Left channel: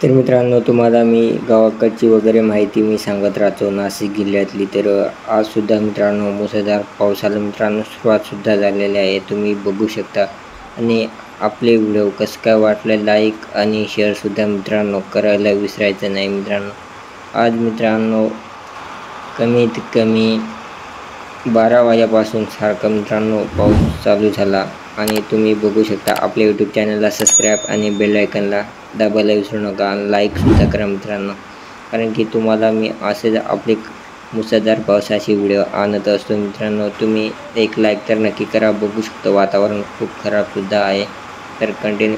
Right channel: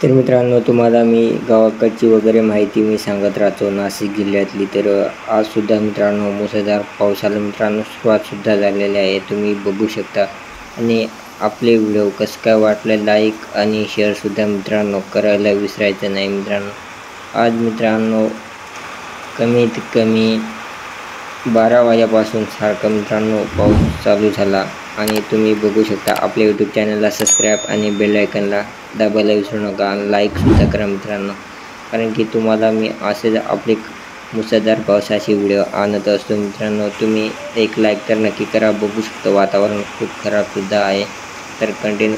तर मित्रांनो, तुम्हाला मी गावाकडची वगैरे माहिती मी सांगत राहतो नाशिक जिल्ह्यातली. तर आजसुद्धा मित्रांनो मुसळधार पावसाला मित्रांनो सुरुवातसुद्धा झालेली आहे, तुम्ही बघू शकता. आणि आपले व्हिडिओ कसं काय वाटलं लाईक आणि शेअरसुद्धा मित्रांनो करायला विसरायचं नाही मित्रांनो. आज मित्रांनो कमीत कमी 12 वाजेपासून सारखा मित्रांनो पाऊस चालू झाला. आणि तुम्ही बघू शकता. आपल्या यूट्यूब चॅनलला सबस्क्राईब आणि बेल आयकनला दाबायला विसरू नका आणि लाईकसुद्धा करा मित्रांनो, कारण की तुम्हाला मी असेच आपले मुसळधार पावसाचे व्हिडिओ आणत असतो मित्रांनो. तुम्ही एक लाईक तर नक्की करा. बघू शकता वातावरण खूप खराबसुद्धा आहे, तर कंटिन्यू